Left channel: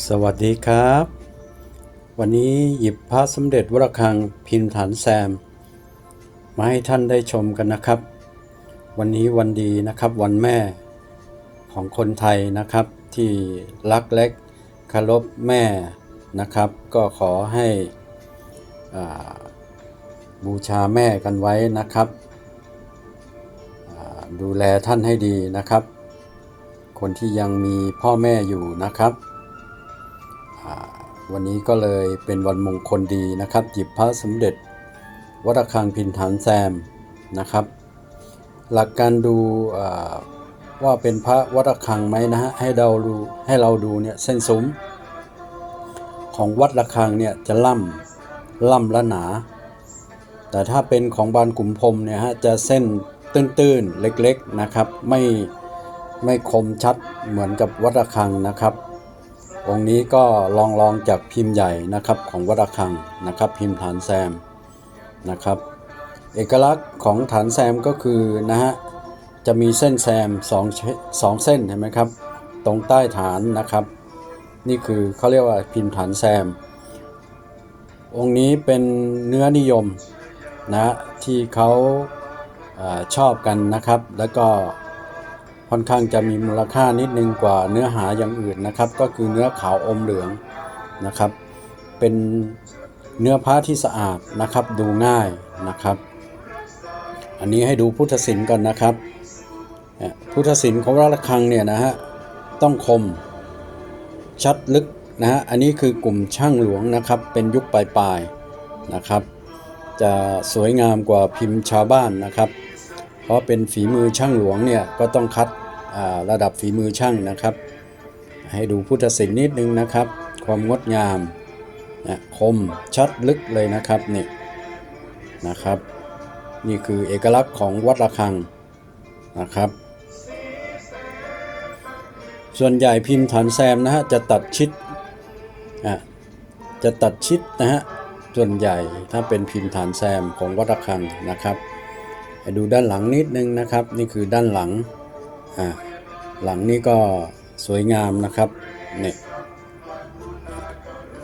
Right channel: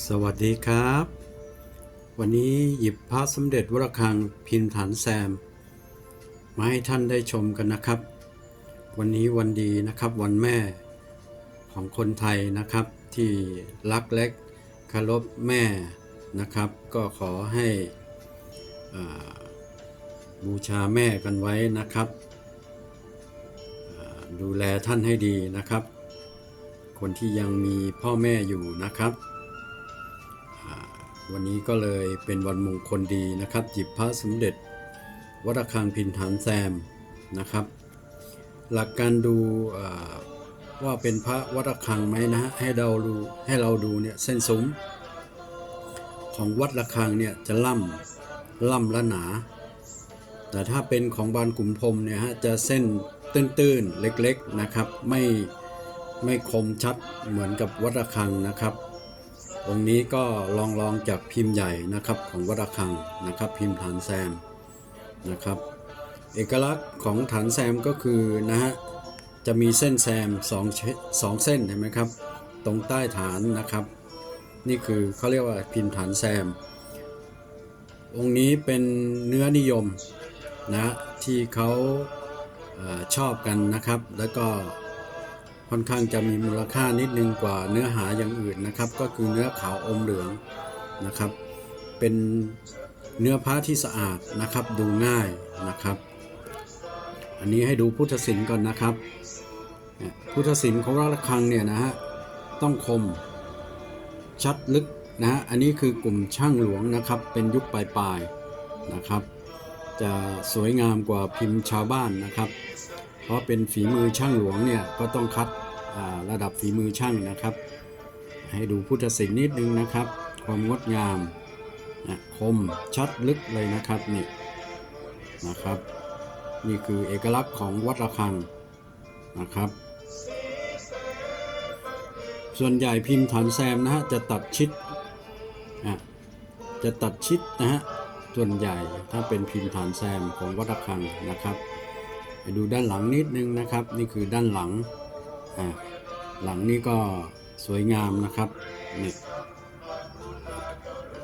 สวัสดีครับ วันนี้หยิบพระสมเด็จวรคังพิมพ์ฐานแซม มาให้ท่านได้ชมกันนะครับ วันนี้วันดีนะครับวันแม่ของคนไทยนะครับ ที่รักเล็กคารพแม่นะครับ ก็ขอให้บูชาแม่กันไว้นะครับ ดูแลท่านให้ดีนะครับ คนที่ยังมีพ่อแม่อยู่นะครับ วันนี้ก็เลยเป็นวันมงคลดีนะครับ หยิบพระสมเด็จ วัดระฆังพินฐานแซมนะครับ หลักการดูว่าเป็นพระวัดระฆังไหมนะฮะให้เราดูให้เราดูเนี่ยเส้นซุ้มของวัดระฆังเนี่ยจะล่ำล่ำและหนา แต่ถ้าเป็นของบานกลุ่มพรมเนี่ยฮะจะเส้นตื้นๆเล็กๆนะครับ ไม่ไม่คมชัดเหมือนกับวัดระฆังนะครับ องค์นี้ก็ลองลองจากพิมพ์ใหญ่นะครับของวัดระฆังนะครับ พิมพ์ฐานแซมนะครับ เอกลักษณ์ของฐานแซมก็คือนะฮะจะมีเส้นแซมสองเชสองเส้นเห็นไหมครับ ตรงใต้ฐานนะครับ นี่คือเขาเรียกว่าพิมพ์ฐานแซม องค์นี้เป็นเนื้อนิยมนะที่เขาออชอบกันนะครับ แล้วก็ ค่อนข้างจะมีมูลค่านิดนึงกว่าเนื้อหาอย่างอื่นนะครับ ก็คือเนื้อขาวอมเหลืองนะครับ เป็นเนื้อผ้าที่สะอาดนะครับดูง่ายนะครับ อันนี้ให้ดูพุทธศิลป์ก่อนนะครับพุทธศิลป์ของระฆังเนี่ยนะฮะต้องคมชัดลึกนะฮะอันนี้คือกลุ่มช่างหลวงนะครับ เป็นยุคปลายๆนะครับ จะสวยงามกว่าพิมพ์ชาวบ้านนะครับ เพราะเป็นฝีมือช่างหลวงเนี่ยก็ต้องคัด ระดับฝีมือช่างนะครับ ให้ดูพุทธศิลป์นิดนึงนะครับ ความงดงามนะคมชัดลึกเลยนะครับนี่นะครับ นี่คือเอกลักษณ์ของวัดระฆังนะครับ ส่วนใหญ่พิมพ์ฐานแซมนะฮะจะตัดชิดอะจะตัดชิดนะฮะส่วนใหญ่ถ้าเป็นพิมพ์ฐานแซมของวัดระฆังนะครับให้ดูด้านหลังนิดนึงนะครับ นี่คือด้านหลัง อะหลังนี้ก็สวยงามนะครับเนี่ย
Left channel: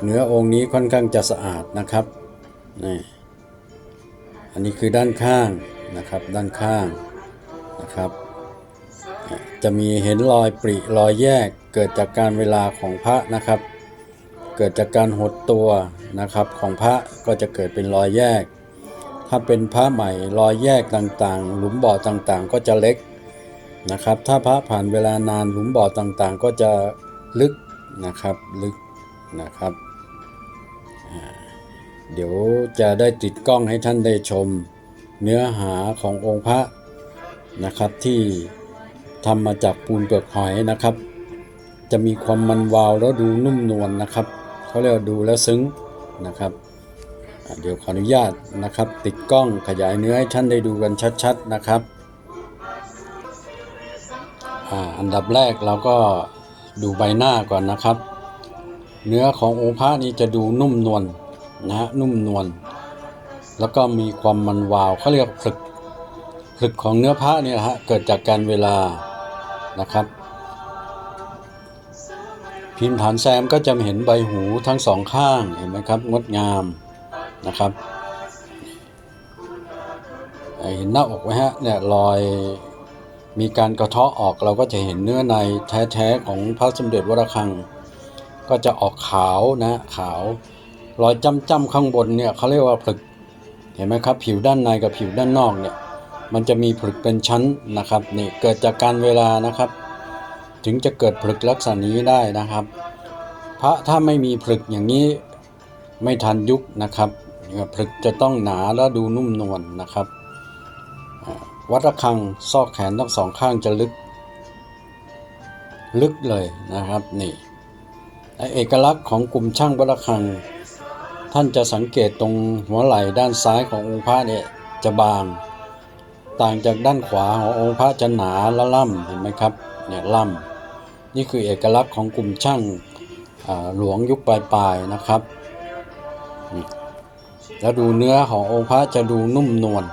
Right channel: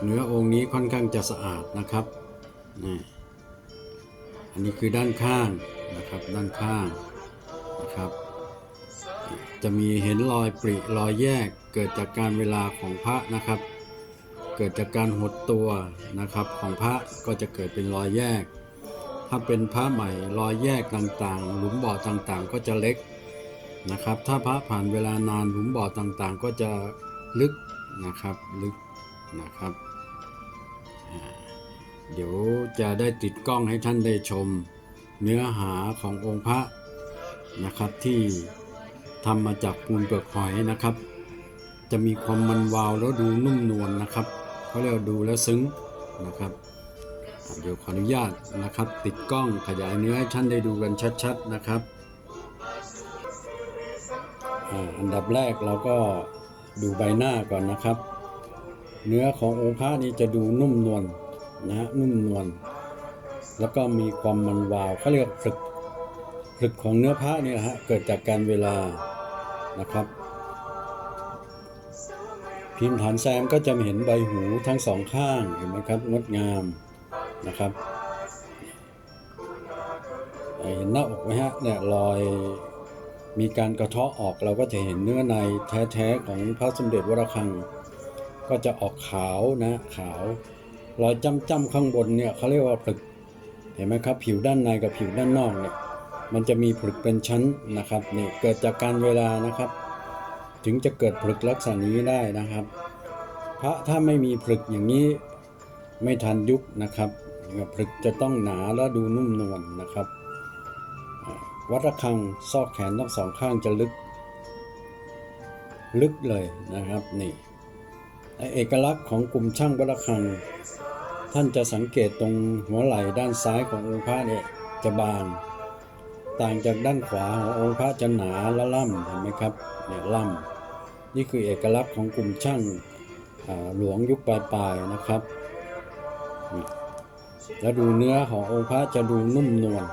เนื้อองค์นี้ค่อนข้างจะสะอาดนะครับนี่อันนี้คือด้านข้างนะครับ ด้านข้างนะครับ จะมีเห็นรอยปริรอยแยกเกิดจากการเวลาของพระนะครับ เกิดจากการหดตัวนะครับของพระก็จะเกิดเป็นรอยแยก ถ้าเป็นพระใหม่รอยแยกต่างๆ หลุมบ่อต่างๆ ก็จะเล็ก นะครับ ถ้าพระผ่านเวลานานหลุมบ่อต่างๆ ก็จะลึกนะครับลึกนะครับ เดี๋ยวจะได้ติดกล้องให้ท่านได้ชมเนื้อหาขององค์พระนะครับที่ทำมาจากปูนเปลือกหอยนะครับ จะมีความมันวาวแล้วดูนุ่มนวลนะครับเขาเรียกว่าดูแล้วซึ้งนะครับ เดี๋ยวขออนุญาตนะครับ ติดกล้องขยายเนื้อให้ท่านได้ดูกันชัดๆนะครับ อันดับแรกเราก็ดูใบหน้าก่อนนะครับ เนื้อขององค์พระนี้จะดูนุ่มนวลนะฮะนุ่มนวลแล้วก็มีความมันวาวเขาเรียกผลึกผลึกของเนื้อพระเนี่ยฮะเกิดจากการเวลานะครับ พิมพ์ฐานแซมก็จะเห็นใบหูทั้งสองข้างเห็นไหมครับงดงามนะครับเห็นหน้าอกไหมฮะเนี่ยรอย มีการกระเทาะออกเราก็จะเห็นเนื้อในแท้ๆของพระสมเด็จวรคัง ก็จะออกขาวนะขาว รอยจ้ำๆข้างบนเนี่ยเขาเรียกว่าผลึก เห็นไหมครับ ผิวด้านในกับผิวด้านนอกเนี่ยมันจะมีผลึกเป็นชั้นนะครับนี่เกิดจากการเวลานะครับ ถึงจะเกิดผลึกลักษณะนี้ได้นะครับ พระถ้าไม่มีผลึกอย่างนี้ไม่ทันยุคนะครับผลึกจะต้องหนาและดูนุ่มนวลนะครับ วัดระฆังซอกแขนทั้งสองข้างจะลึก ลึกเลยนะครับนี่เอกลักษณ์ของกลุ่มช่างวัดระฆัง ท่านจะสังเกตตรงหัวไหล่ด้านซ้ายขององค์พระเนี่ยจะบาง ต่างจากด้านขวาขององค์พระจะหนาและล่ำเห็นไหมครับเนี่ยล่ำนี่คือเอกลักษณ์ของกลุ่มช่างหลวงยุคปลายๆนะครับแล้วดูเนื้อขององค์พระจะดูนุ่มนวล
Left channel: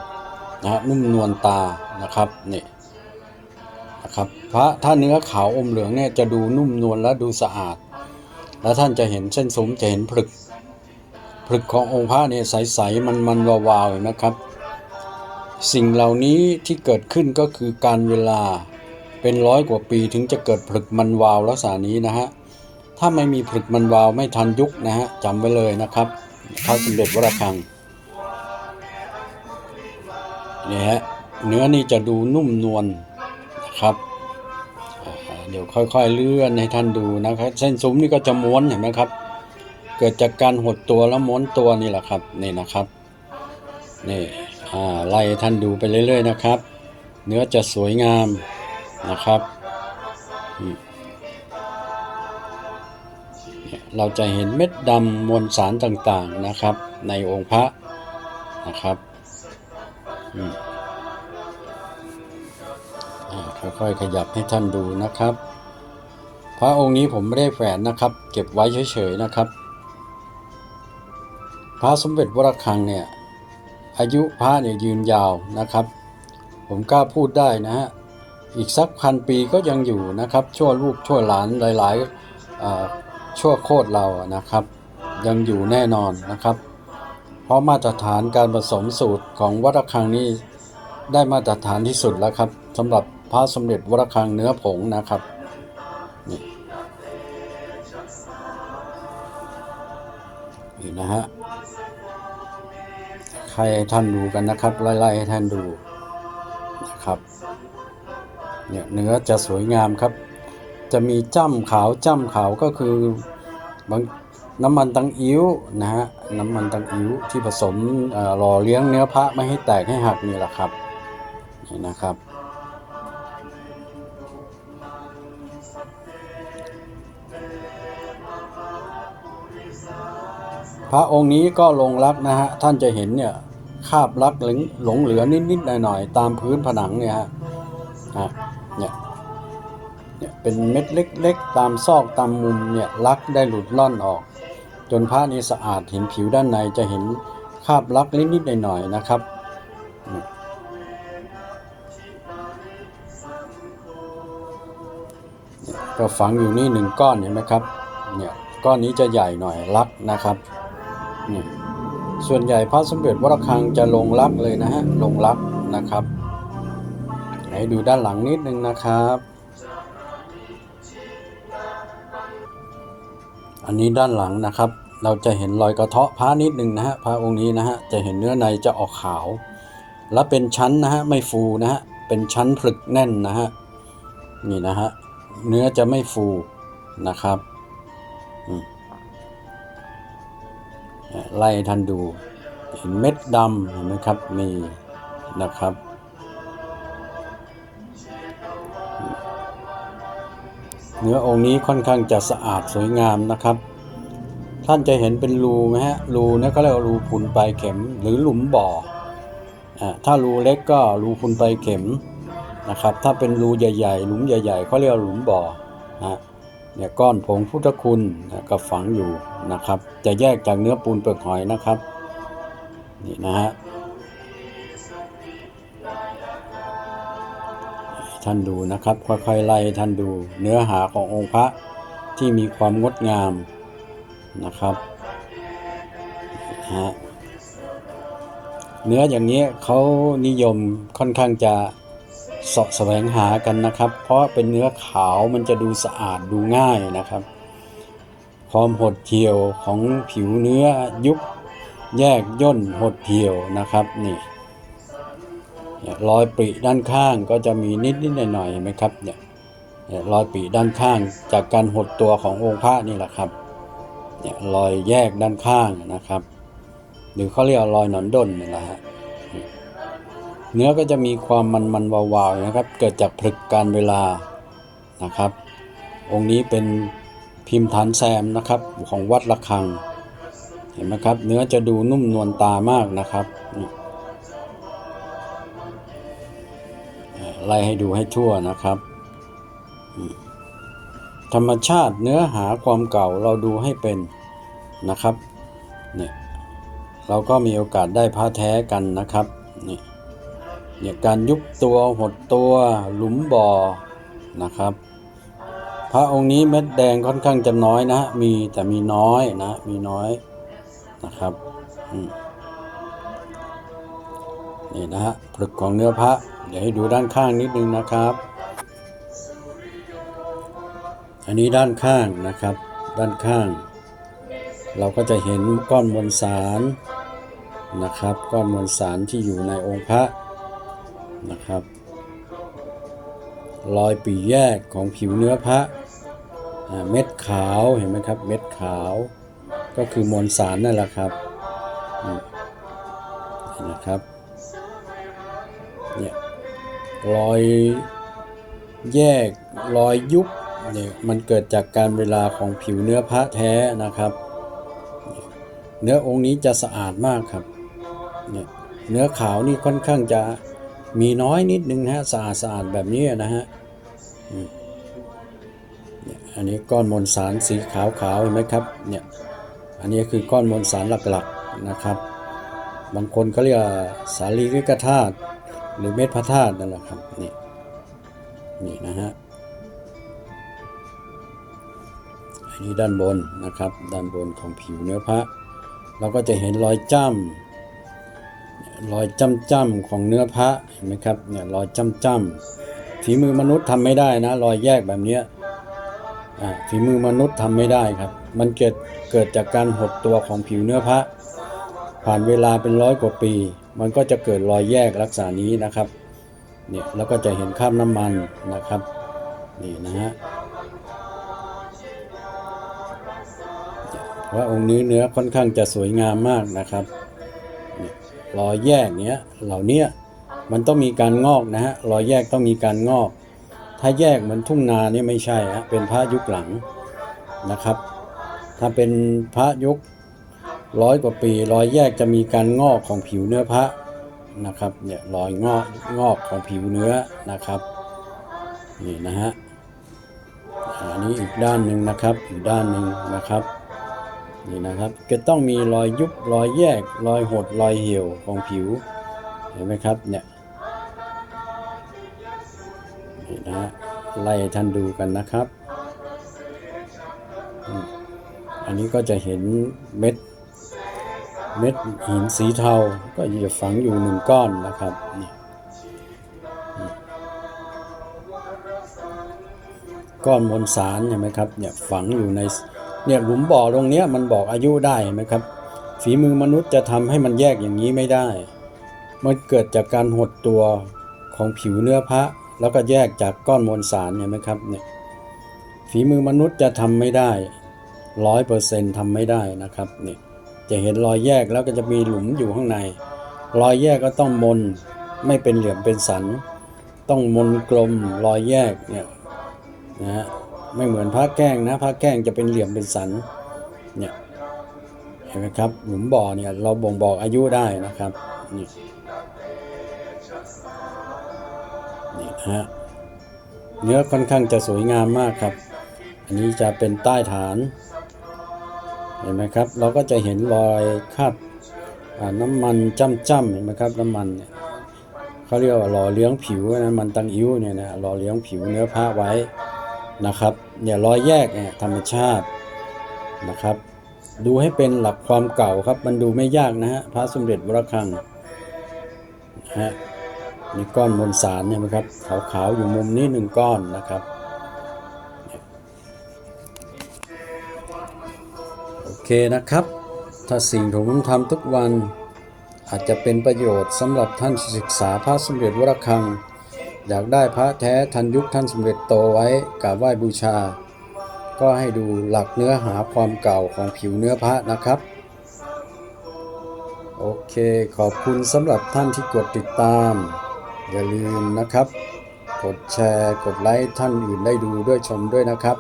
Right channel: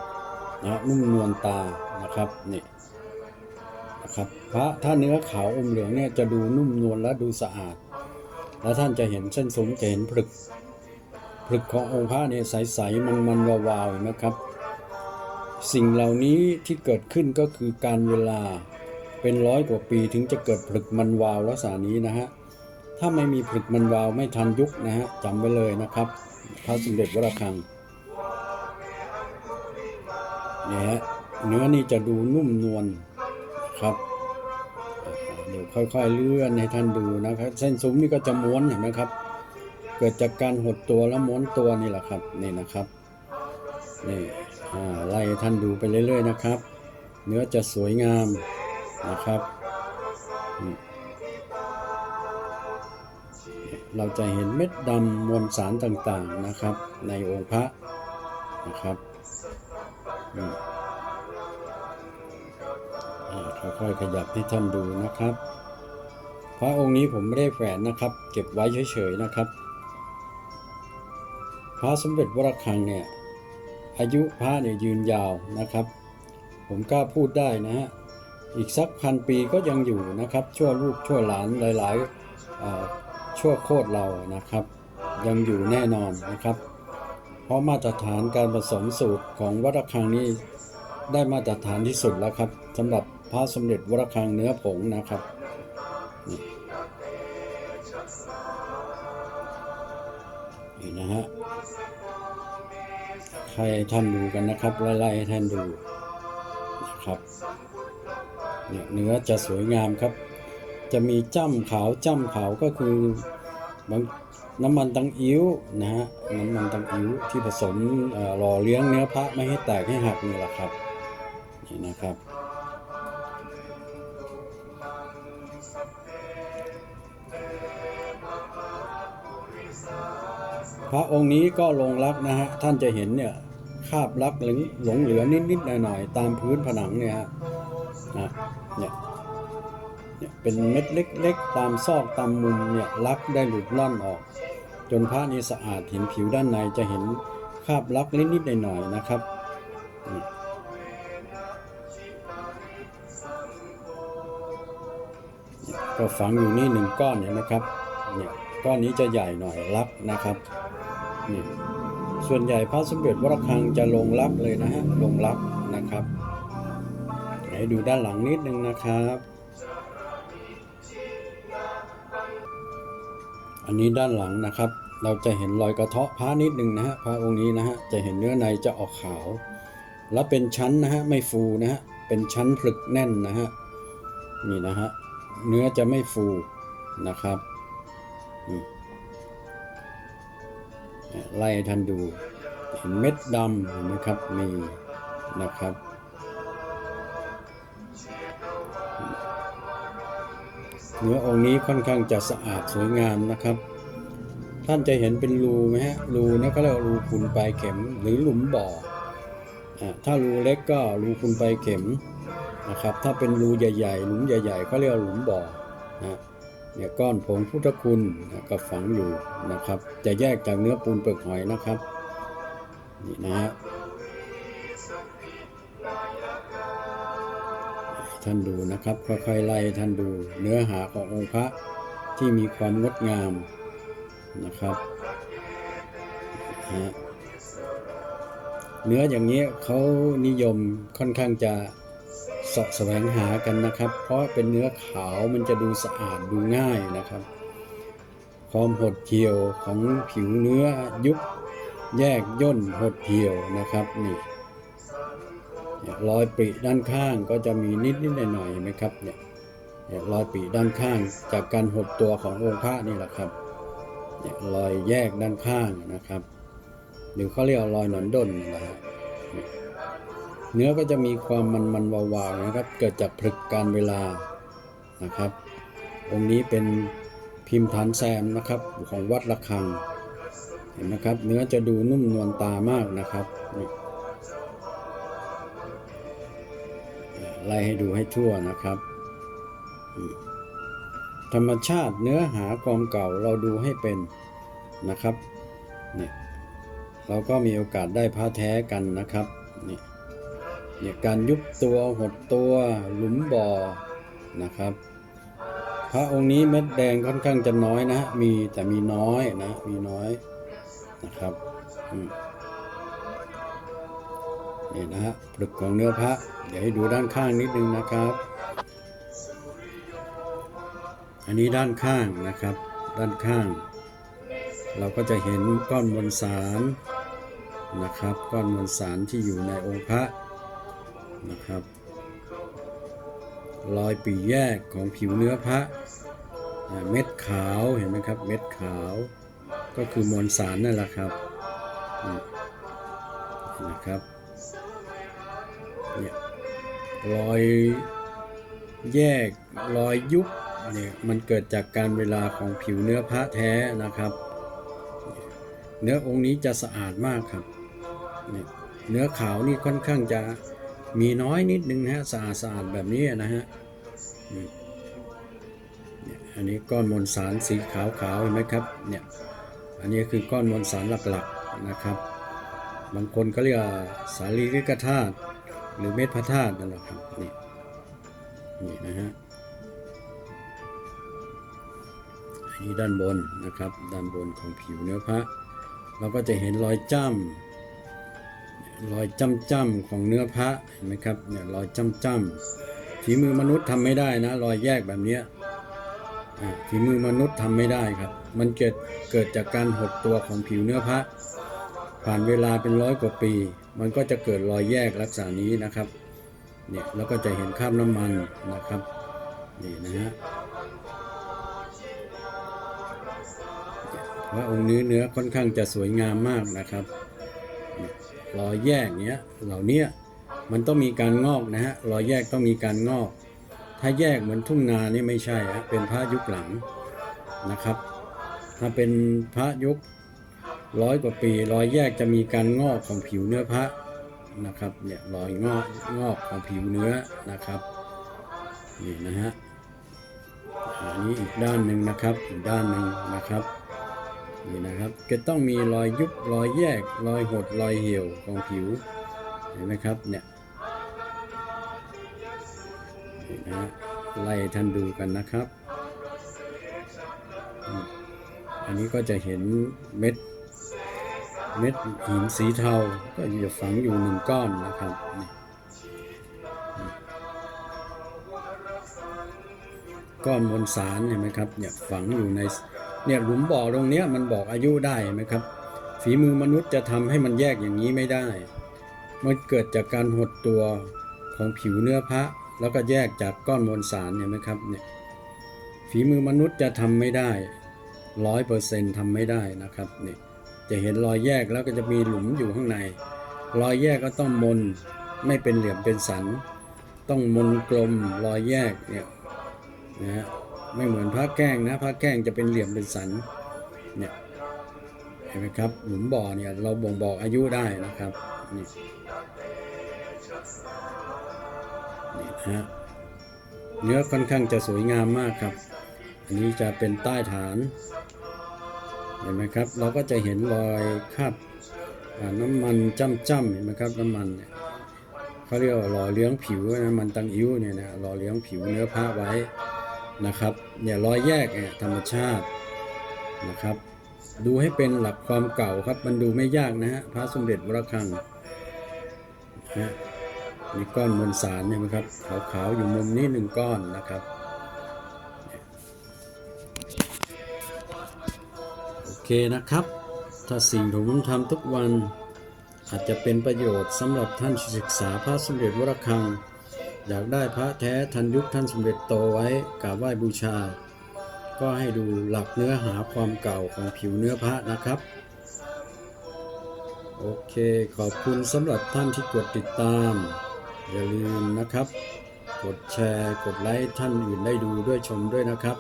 นะนุ่มนวลตานะครับนี่นะครับพระถ้าเนื้อขาวอมเหลืองเนี่ยจะดูนุ่มนวลและดูสะอาด แล้วท่านจะเห็นเส้นสูงจะเห็นผลึกผลึกขององค์พระเนี่ยใสๆมันมันวาวๆเห็นไหมครับ สิ่งเหล่านี้ที่เกิดขึ้นก็คือการเวลาเป็นร้อยกว่าปีถึงจะเกิดผลึกมันวาวลักษณะนี้นะฮะถ้าไม่มีผลึกมันวาวไม่ทันยุคนะฮะจำไว้เลยนะครับพระสมเด็จวรคัง นี่ฮะเนื้อนี่จะดูนุ่มนวลนะครับเดี๋ยวค่อยๆเลื่อนให้ท่านดูนะครับ เส้นซุ้มนี่ก็จะม้วนเห็นไหมครับ เกิดจากการหดตัวแล้วม้วนตัวนี่แหละครับนี่นะครับนี่ไล่ท่านดูไปเรื่อยๆนะครับ เนื้อจะสวยงามนะครับเราจะเห็นเม็ดดำมวลสารต่างๆนะครับ ในองค์พระนะครับ ค่อยๆขยับให้ท่านดูนะครับ พระองค์นี้ผมไม่ได้แฝนนะครับ เก็บไว้เฉยๆนะครับ พระสมเด็จวรคังเนี่ยอายุพระเนี่ยยืนยาวนะครับ ผมกล้าพูดได้นะฮะอีกสักพันปีก็ยังอยู่นะครับ ชั่วลูกชั่วหลานหลายๆชั่วโคตรเราอะนะครับ ยังอยู่แน่นอนนะครับ เพราะมาตรฐานการผสมสูตรของวัดระฆังนี่ได้มาตรฐานที่สุดแล้วครับสำหรับพระสมเด็จวัดระฆังเนื้อผงนะครับนี่นี่นะฮะให้ท่านดูกันนะครับไล่ๆให้ท่านดูนะครับเนี่ยเนื้อจะสวยงามครับ จะมีจ้ำขาวจ้ำขาวก็คือบาง น้ำมันตังอิ้วนะฮะน้ำมันตังอิ้วที่ผสมหล่อเลี้ยงเนื้อพระไม่ให้แตกให้หักนี่แหละครับนี่นะครับ พระองค์นี้ก็ลงรักนะฮะท่านจะเห็นเนี่ยคาบรักหลงหลงเหลือนิดๆหน่อยๆตามพื้นผนังเนี่ยฮะฮะเนี่ยเนี่ยเป็นเม็ดเล็ก ๆ ตามซอกตามมุมเนี่ยรักได้หลุดล่อนออก จนพระนี้สะอาดเห็นผิวด้านในจะเห็นคราบรักนิดๆหน่อยๆนะครับ ก็ฝังอยู่นี่หนึ่งก้อนเห็นไหมครับเนี่ยก้อนนี้จะใหญ่หน่อยรักนะครับนี่ส่วนใหญ่พระสมเด็จวรคังจะลงรับเลยนะฮะลงรับนะครับไหนดูด้านหลังนิดนึงนะครับ อันนี้ด้านหลังนะครับ เราจะเห็นรอยกระเทาะพระนิดนึงนะฮะพระองค์นี้นะฮะจะเห็นเนื้อในจะออกขาว และเป็นชั้นนะฮะไม่ฟูนะฮะเป็นชั้นผลึกแน่นนะฮะนี่นะฮะเนื้อจะไม่ฟูนะครับไล่ท่านดูเห็นเม็ดดำเห็นไหมครับมีนะครับ เนื้อองค์นี้ค่อนข้างจะสะอาดสวยงามนะครับ ท่านจะเห็นเป็นรูไหมฮะรูนี่ก็เรียกว่ารูพุนปลายเข็มหรือหลุมบ่ออถ้ารูเล็กก็รูพุนปลายเข็มนะครับ ถ้าเป็นรูใหญ่ๆ หลุมใหญ่ๆเขาเรียกว่าหลุมบ่อนะเนี่ยก้อนผงพุทธคุณนะก็ฝังอยู่นะครับ จะแยกจากเนื้อปูนเปลือกหอยนะครับ นี่นะฮะ ท่านดูนะครับค่อยๆไล่ท่านดูเนื้อหาขององค์พระที่มีความงดงามนะครับฮะเนื้ออย่างนี้เขานิยมค่อนข้างจะเสาะแสวงหากันนะครับ เพราะเป็นเนื้อขาวมันจะดูสะอาดดูง่ายนะครับ ความหดเหี่ยวของผิวเนื้อยุบแยกย่นหดเหี่ยวนะครับนี่ เนี่ยรอยปริด้านข้างก็จะมีนิดนิดหน่อยหน่อยๆเห็นไหมครับเนี่ยรอยปริด้านข้างจากการหดตัวขององค์พระนี่แหละครับเนี่ยรอยแยกด้านข้างนะครับ หรือเขาเรียกรอยหนอนด้นนี่แหละฮะเนื้อก็จะมีความมันมันวาวๆนะครับ เกิดจากผลึกการเวลานะครับ องค์นี้เป็นพิมพ์ฐานแซมนะครับของวัดระฆัง เห็นไหมครับ เนื้อจะดูนุ่มนวลตามากนะครับนี่ ไล่ให้ดูให้ทั่วนะครับ ธรรมชาติเนื้อหาความเก่าเราดูให้เป็นนะครับเนี่ยเราก็มีโอกาสได้พระแท้กันนะครับนี่เนี่ยการยุบตัวหดตัวหลุมบ่อนะครับ พระองค์นี้เม็ดแดงค่อนข้างจะน้อยนะ มีแต่มีน้อยนะมีน้อยนะครับอืม นี่นะฮะปลึกของเนื้อพระ เดี๋ยวให้ดูด้านข้างนิดนึงนะครับ อันนี้ด้านข้างนะครับ ด้านข้าง เราก็จะเห็นก้อนมวลสารนะครับ ก้อนมวลสารที่อยู่ในองค์พระนะครับรอยปีแยกของผิวเนื้อพระเม็ดขาวเห็นไหมครับ เม็ดขาวก็คือมวลสารนั่นแหละครับนะครับ เนี่ยรอยแยกรอยยุบเนี่ยมันเกิดจากการเวลาของผิวเนื้อพระแท้นะครับ เนื้อองค์นี้จะสะอาดมากครับเนี่ยเนื้อขาวนี่ค่อนข้างจะมีน้อยนิดนึงฮะสะอาดสะอาดแบบนี้นะฮะเนี่ยอันนี้ก้อนมวลสารสีขาวขาวเห็นไหมครับเนี่ยอันนี้คือก้อนมวลสารหลักๆนะครับ บางคนเขาเรียกสาลีริกธาตุ หรือเม็ดพระธาตุนั่นแหละครับนี่นี่นะฮะอันนี้ด้านบนนะครับ ด้านบนของผิวเนื้อพระ เราก็จะเห็นรอยจ้ำรอยจ้ำจ้ำๆของเนื้อพระเห็นไหมครับเนี่ยรอยจ้ำจ้ำๆฝีมือมนุษย์ทำไม่ได้นะรอยแยกแบบเนี้ยฝีมือมนุษย์ทำไม่ได้ครับ มันเกิดเกิดจากการหดตัวของผิวเนื้อพระ ผ่านเวลาเป็นร้อยกว่าปี มันก็จะเกิดรอยแยกลักษณะนี้นะครับเนี่ยแล้วก็จะเห็นคราบน้ำมันนะครับนี่นะฮะเพราองค์นี้เนื้อค่อนข้างจะสวยงามมากนะครับรอยแยกเนี้ยเหล่านี้มันต้องมีการงอกนะฮะรอยแยกต้องมีการงอก ถ้าแยกเหมือนทุ่งนาเนี่ไม่ใช่ฮะเป็นพระยุคหลังนะครับ ถ้าเป็นพระยุค ร้อยกว่าปีรอยแยกจะมีการงอกของผิวเนื้อพระนะครับเนี่ยรอยงอกงอกของผิวเนื้อนะครับนี่นะฮะอันนี้อีกด้านหนึ่งนะครับอีกด้านหนึ่งนะครับนี่นะครับจะต้องมีรอยยุบรอยแยกรอยหดรอยเหี่ยวของผิวเห็นไหมครับเนี่ยนี่นะฮะไล่ท่านดูกันนะครับ อันนี้ก็จะเห็นเม็ด เม็ดหินสีเทา ก็จะฝังอยู่หนึ่งก้อนนะครับนี่ก้อนมวลสารเห็นไหมครับเนี่ยฝังอยู่ในเนี่ยหลุมบ่อตรงเนี้ยมันบอกอายุได้ไหมครับ ฝีมือมนุษย์จะทำให้มันแยกอย่างนี้ไม่ได้ มันเกิดจากการหดตัวของผิวเนื้อพระ แล้วก็แยกจากก้อนมวลสารเห็นไหมครับเนี่ยฝีมือมนุษย์จะทำไม่ได้ร้อยเปอร์เซ็นต์ทำไม่ได้นะครับเนี่ย จะเห็นรอยแยกแล้วก็จะมีหลุมอยู่ข้างใน รอยแยกก็ต้องมนไม่เป็นเหลี่ยมเป็นสัน ต้องมนกลมรอยแยกเนี่ยนะฮะไม่เหมือนผ้าแกล้งนะผ้าแกล้งจะเป็นเหลี่ยมเป็นสันเนี่ยเห็นไหมครับหลุมบ่อเนี่ยเราบ่งบอกอายุได้นะครับนี่นี่นะฮะเนื้อค่อนข้างจะสวยงามมากครับ อันนี้จะเป็นใต้ฐาน เห็นไหมครับ เราก็จะเห็นรอยคราบน้ำมันจ้ำๆเห็นไหมครับ น้ำมันเนี่ยเขาเรียกว่าหล่อเลี้ยงผิวน้ำมันตังอิ้วเนี่ยนะหล่อเลี้ยงผิวเนื้อผ้าไว้นะครับเนี่ยรอยแยกเนี่ยธรรมชาตินะครับ ดูให้เป็นหลักความเก่าครับ มันดูไม่ยากนะฮะพระสมเด็จวรคังนะฮะนี่ก้อนมวลสารเนี่ยนะครับขาวๆอยู่มุมนี้หนึ่งก้อนนะครับ เคนะครับ ถ้าสิ่งที่ผมทำทุกวัน อาจจะเป็นประโยชน์สำหรับท่านศึกษาพระสมเด็จวรคัง อยากได้พระแท้ทันยุคท่านสมเด็จโตไว้กราบไหว้บูชา ก็ให้ดูหลักเนื้อหาความเก่าของผิวเนื้อพระนะครับ โอเคขอบคุณสำหรับท่านที่กดติดตาม อย่าลืมนะครับ กดแชร์กดไลค์ท่านอื่นได้ดูด้วยชมด้วยนะครับ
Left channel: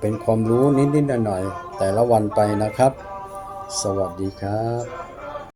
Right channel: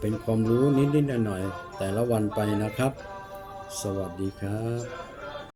เป็นความรู้นิดๆหน่อยๆแต่ละวันไปนะครับ สวัสดีครับ